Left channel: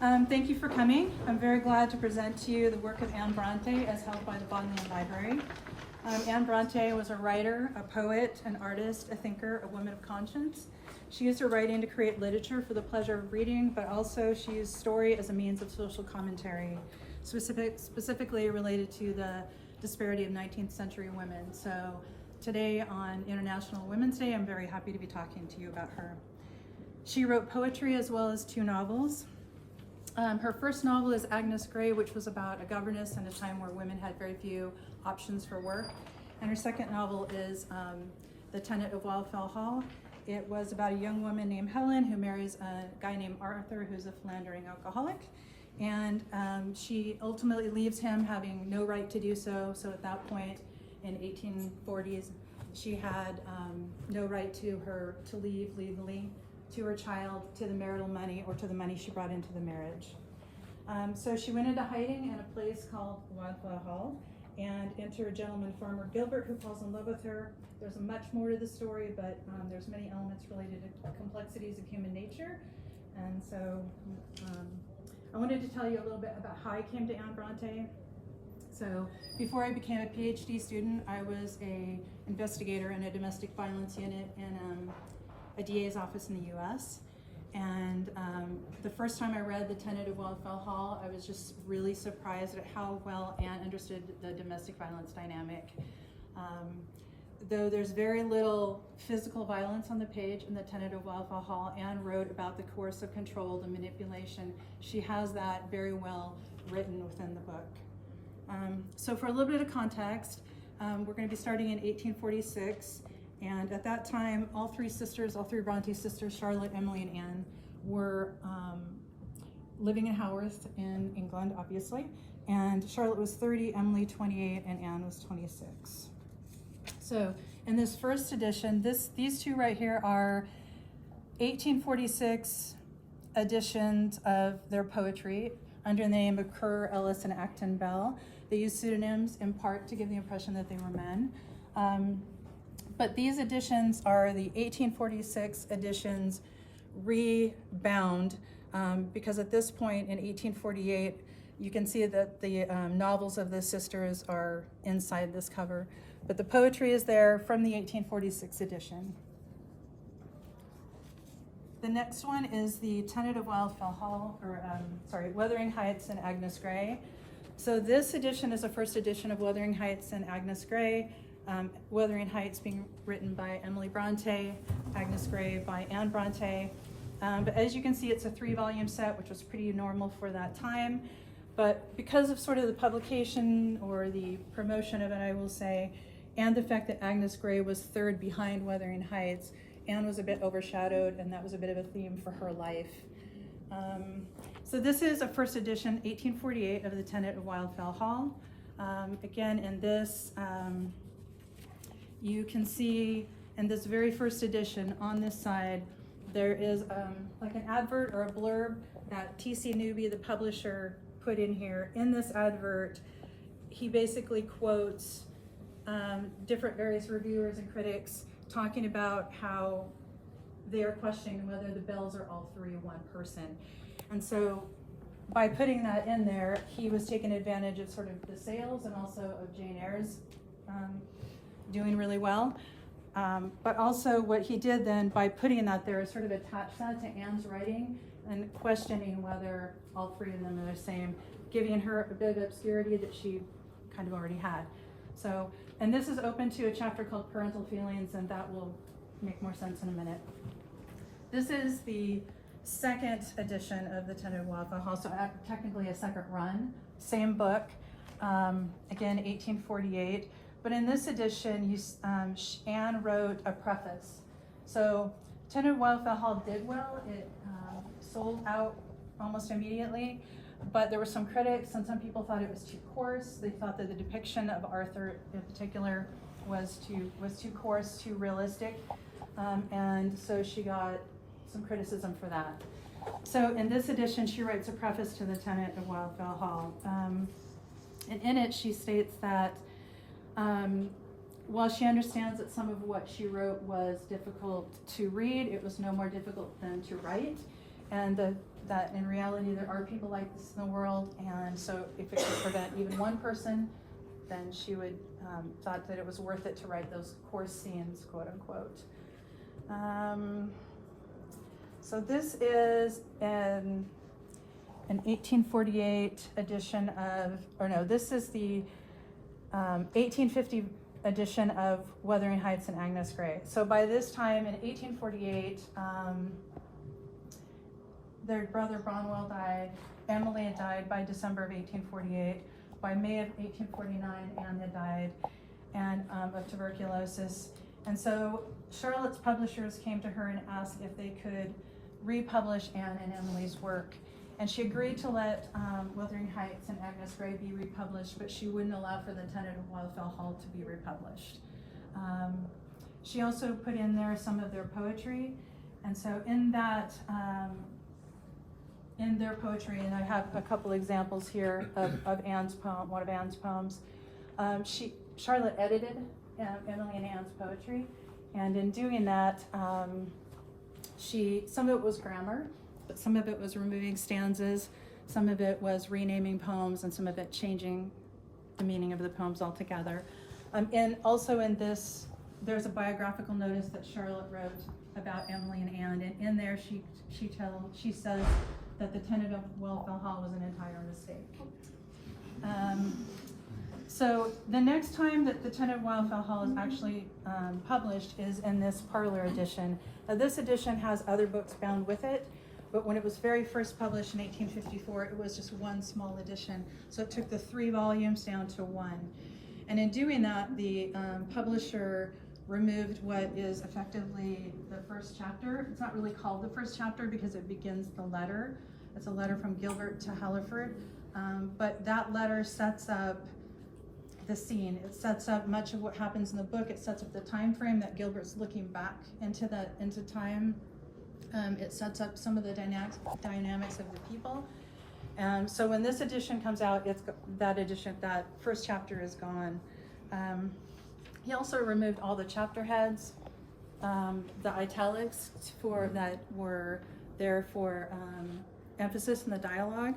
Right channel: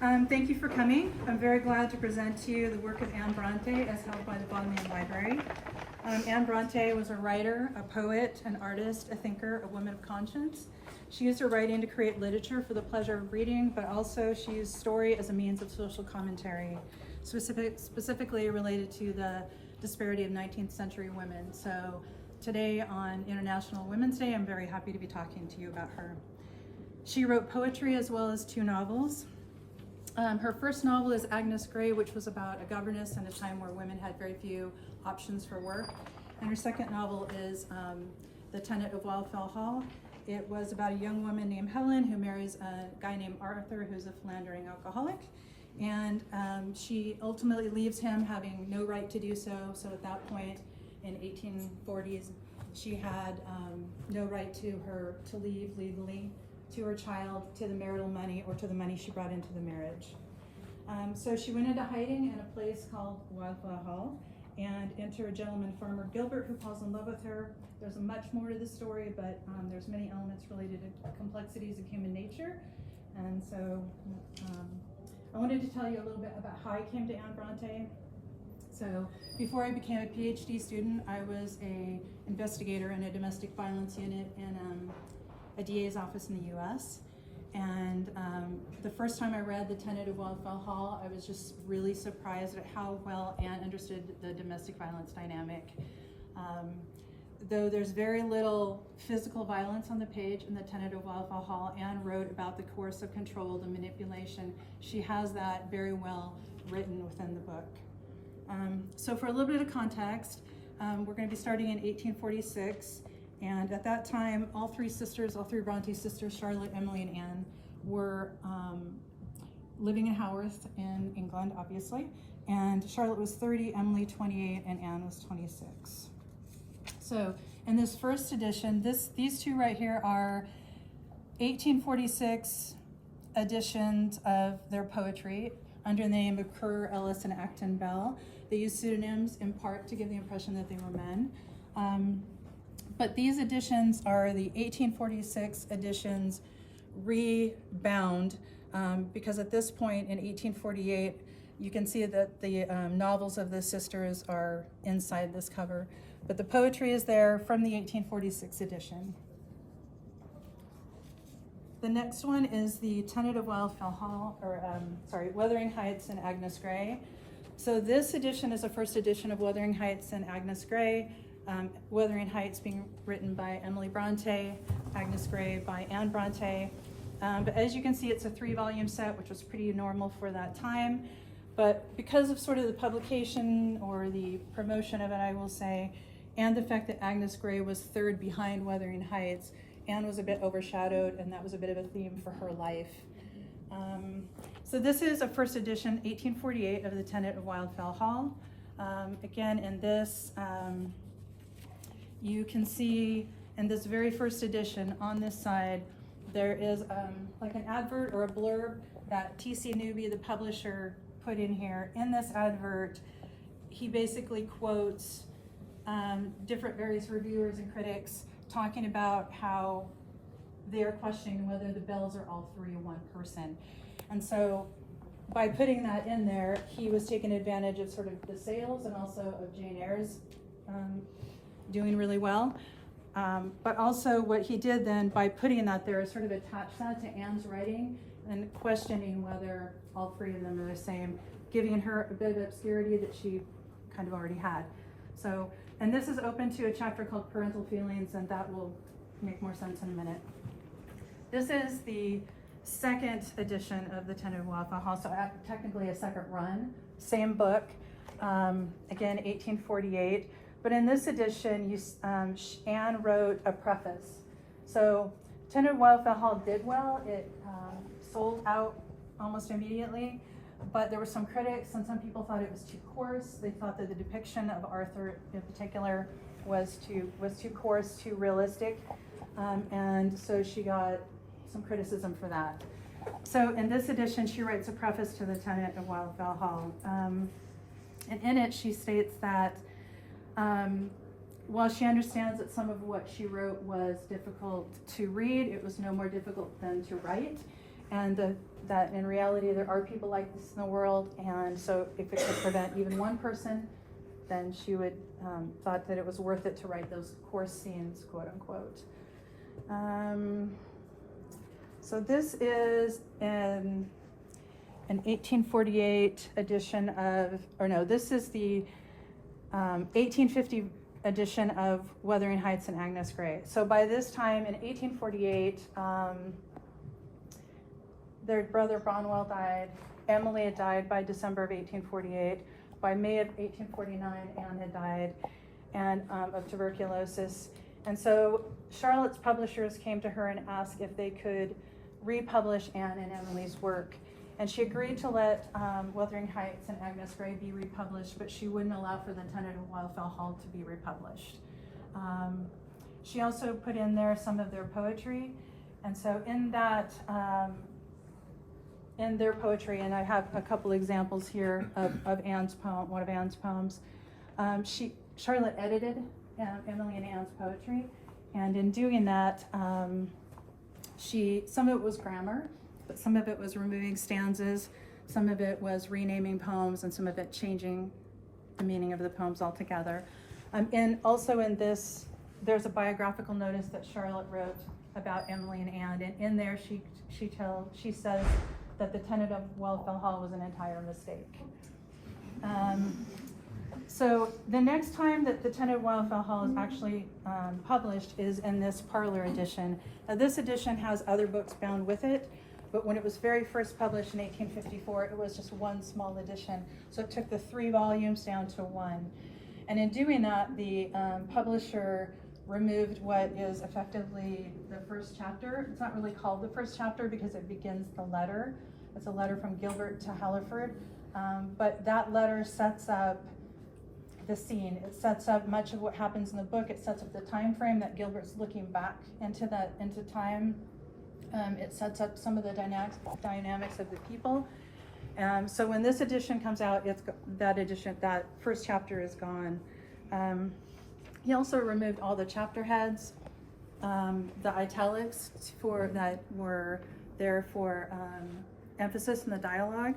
Thank you for coming. I'm very glad to present to you the work of Anne Brontë as held by the Bodleian Library. Anne Brontë was a writer, a poet, an artist, a thinker, a woman of conscience. She used her writing to create literature for the pleasure of reading, but also she used story as a means of social commentary, specifically related to the disparity of 19th century women. So today on International Women's Day, I'm very happy to be talking to you about her. She wrote poetry as well as 2 novels. Her first novel is Agnes Grey, which was about a governess in a time where women had very few options for work. And her second novel is The Tenant of Wildfell Hall. It was about a young woman named Helen who marries a guy named Arthur, who's a philandering alcoholic. And she ultimately leaves him, having no right to do so. So at that point in 1840s, she had no right to leave legally, to her child, to the marital money, or to the money she brought into the marriage. So she went into hiding in a place called Wildfell Hall and entered a gentleman farmer, Gilbert, who falls in love with her. There's much more to the story, but there's many elements related to complexities of human nature. And so I wanted to tell you a little bit about how I came to Anne Brontë. So before I became a PhD student, I was an investigator in a domestic violence unit in a DA's office in the US. And the first time I read The Tenant of Wildfell Hall, I was just really surprised at how well Anne understood the domestic violence dynamic. Though there's very little physical violence on the page in The Tenant of Wildfell Hall, Anne wrote about the coercive control, the manipulation. She has that very well written within the book. So for a little bit of context, we're going to be starting in 1846. And at that time, all three Brontë sisters, Charlotte, Emily, and Anne, were living in Haworth in England, obviously. And Charlotte was 30, Emily 28, and Anne was 26. So in this first edition, these two right here are 1846 editions of their poetry under the name of Currer, Ellis, and Acton Bell. They used pseudonyms in part to give the impression that they were men. But these editions are the 1846 editions rebound, because at this point in 1848, you can see that the novels of the sisters are inside this cover, but the poetry is there from the 1846 edition. The next one is the Tenant of Wildfell Hall, Wuthering Heights and Agnes Grey. So this edition is the first edition of Wuthering Heights and Agnes Grey. Wuthering Heights being written by Emily Brontë, Agnes Grey by Anne Brontë. But as you can see, it's a 3-volume set, which was pretty normal for that time. But because of sort of the publication or the promotion of it, I will say, and the fact that Agnes Grey was 3rd behind Wuthering Heights, Anne was a bit overshadowed, and that was a bit of a theme for her life. So this is a first edition, 1848, of The Tenant of Wildfell Hall. Again, in this, you can see in this very first edition on this side, there is like an advert or a blurb that T.C. Newby, the publisher, put in here. In this advert, he basically quotes different various reviewers and critics talking about how they are questioning whether the Bells are all 3 one person. And so by putting that in there, he was taking advantage of sort of the sales and also of Jane Eyre's doing really well. But also what he did then by putting that there is sort of attach that to Anne's writing and questioning whether all 3 of them are the same, giving her a bit of obscurity that she kind of already had. So, and this is open to a chapter called Parental Feelings, and that will make more sense in a minute. This is the second edition of The Tenant of Wildfell Hall, so technically a second run, same book, again 1848. But in this edition, Anne wrote a preface. So Tenant of Wildfell Hall did well. It sold out almost immediately, but there were some critics and some people thought it was too coarse. They thought that the depiction of Arthur in particular was too coarse, too realistic, and so she got some criticism for that. So in this edition, she writes a preface to The Tenant of Wildfell Hall, and in it she states that while she understands that some of what she wrote was difficult to read, it was no more difficult than to write. and that in reality there are people like this in the world, and so if it could prevent even one person, then she would thought that it was worth it to write those coarse scenes, quote unquote. So this is an 1848 edition of, or no, this is the 1850 edition of Wuthering Heights and Agnes Grey. So by this time in 1848, their brother Branwell died. Emily had died by December of 1848. By May of 1849, Anne had died and of tuberculosis. And so Charlotte's publishers came to her and asked if they could republish Anne and Emily's work. And she agreed to let Wuthering Heights and Agnes Grey be republished, but she wouldn't allow for the Tenant of Wildfell Hall to be republished. She also put in there some of their poetry. And so in that, in their poetry, and I have a couple examples here of Anne's poem, one of Anne's poems. Charlotte edited Emily and Anne's poetry, and in doing that, some of it was grammar, but some of it was removing stanzas, some of it was renaming poems, and some of it changing the meaning of the poems altogether. And also in this, there's a biographical notice that Charlotte wrote about Emily and Anne, and in there she says that the Tenant of Wildfell Hall was an entire mistake. So the next time that the Tenant of Wildfell Hall is actually published is in this parlor edition. Now, this edition has other books bound with it, but when it was very first published in 1854, it was just one small edition. So it took the 3 volumes down to 1. And in doing that, the publisher removed what is effectively the first chapter. It's not really called the first chapter because it begins the letter. It's a letter from Gilbert to Halliford, but that letter sets up the scene. It sets up much of what happens in the book. It sets up the time frame that Gilbert's looking back into time. It sets up some of the dynamics of the people. So when this edition comes out, that first chapter is gone. He also removed all the chapter heads, the italics that were there for emphasis in the dialogue.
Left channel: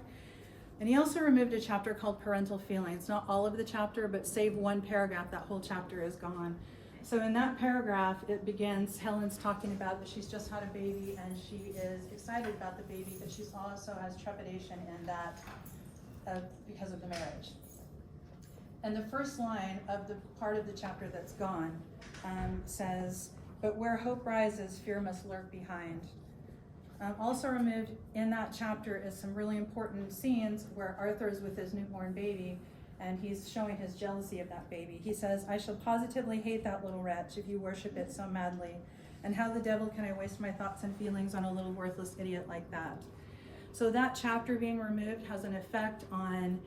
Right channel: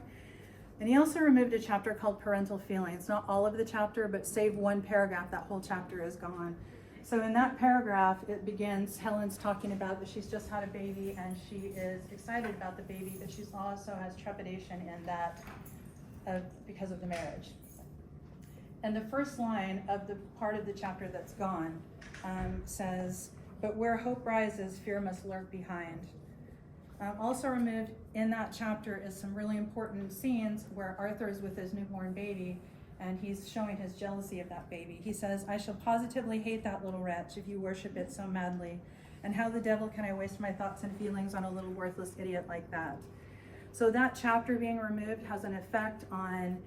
And he also removed a chapter called Parental Feelings. Not all of the chapter, but save one paragraph, that whole chapter is gone. So in that paragraph, it begins, Helen's talking about that she's just had a baby and she is excited about the baby, but she also has trepidation in that because of the marriage. And the first line of the part of the chapter that's gone says, "But where hope rises, fear must lurk behind." Also removed in that chapter is some really important scenes where Arthur is with his newborn baby and he's showing his jealousy of that baby. He says, "I shall positively hate that little wretch if you worship it so madly. And how the devil can I waste my thoughts and feelings on a little worthless idiot like that?" So that chapter being removed has an effect on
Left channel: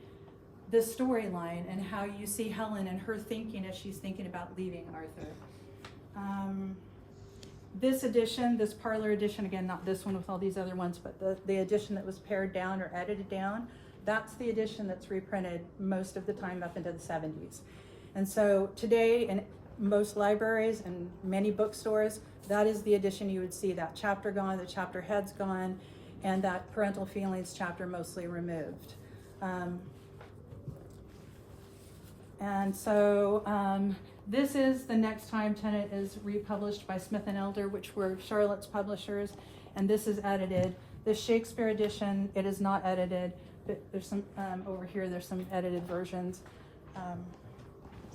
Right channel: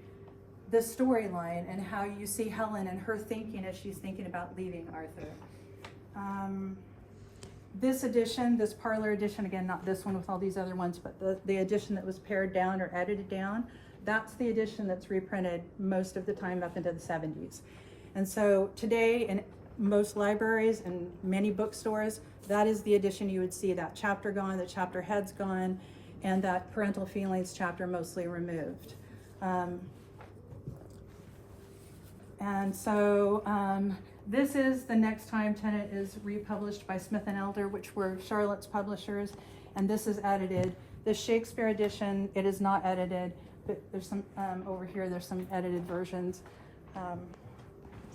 the storyline and how you see Helen and her thinking as she's thinking about leaving Arthur. This edition, this parlor edition, again, not this one with all these other ones, but the edition that was pared down or edited down, that's the edition that's reprinted most of the time up into the 70s. And so today in most libraries and many bookstores, that is the edition you would see, that chapter gone, the chapter heads gone, and that Parental Feelings chapter mostly removed. This is the next time Tenant is republished by Smith & Elder, which were Charlotte's publishers, and this is edited. This Shakespeare edition, it is not edited, but there's some, over here, there's some edited versions.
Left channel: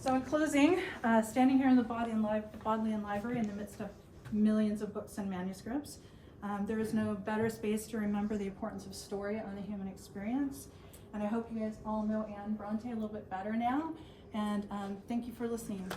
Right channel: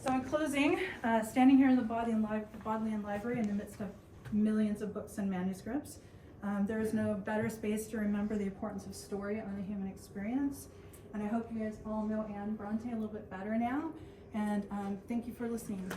So in closing, standing here in the Bodleian Library in the midst of millions of books and manuscripts, there is no better space to remember the importance of story on the human experience. And I hope you guys all know Anne Brontë a little bit better now. And thank you for listening.